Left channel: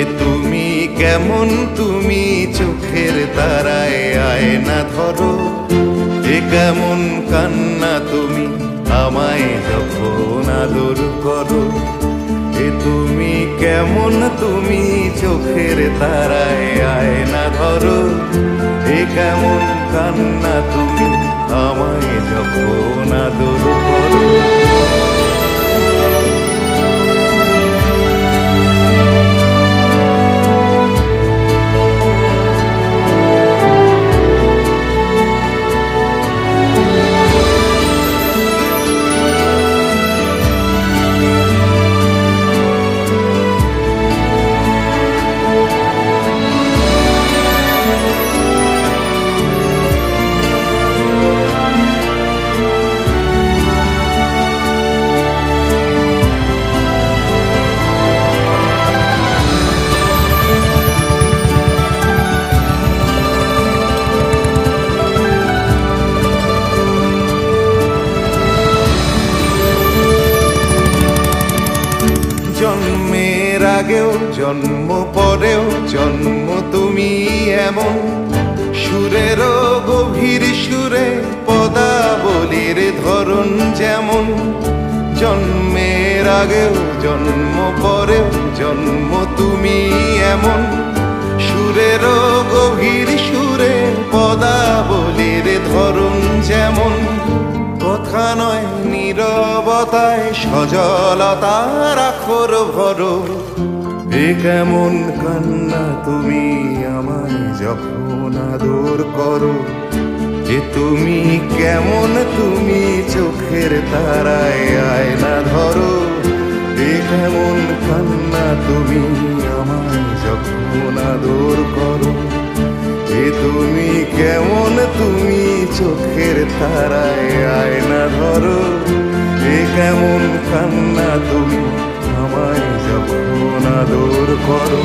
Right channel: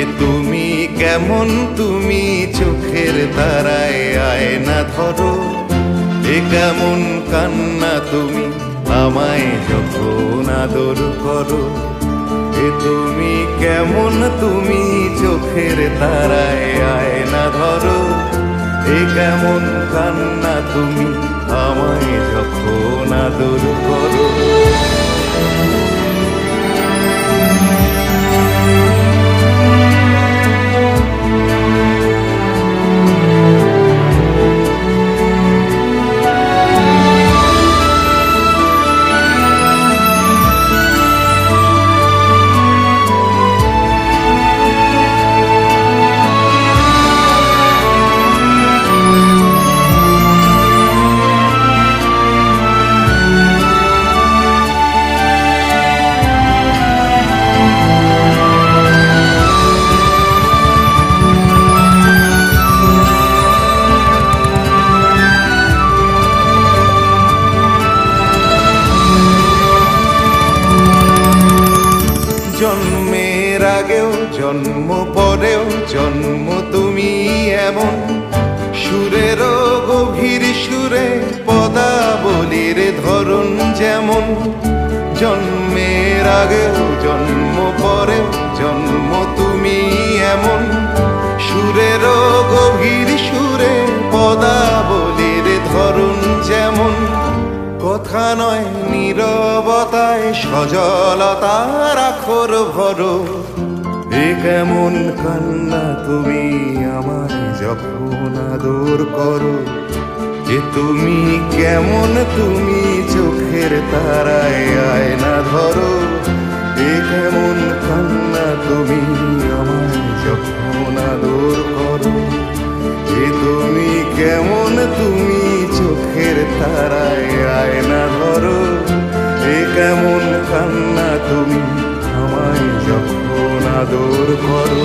এ তুমি কেমন, তুমি চোখের তারায় আয়না ধরো। এ কেমন কান্না তুমি আমায় যখন আদর করো। এ তুমি কেমন, তুমি চোখের তারায় আয়না ধরো। এ কেমন কান্না তুমি আমায় যখন আদর করো। জন্মের আগেও জন্ম পরেও জন্ম তুমি এমন, সুরেরও গভীর সুরে পদাবলীর ধরন যেমন। জন্মের আগেও জন্ম পরেও জন্ম তুমি এমন, সুরেরও গভীর সুরে পদাবলীর ধরন যেমন। কথা নয় নীরবতায় সজলতার আখর ভরো। এ কেমন কান্না তুমি আমায় যখন আদর করো। এ তুমি কেমন, তুমি চোখের তারায় আয়না ধরো। এ কেমন কান্না তুমি আমায় যখন আদর করো। এ তুমি কেমন, তুমি চোখের তারায় আয়না ধরো। এ কেমন কান্না তুমি আমায় যখন আদর করো।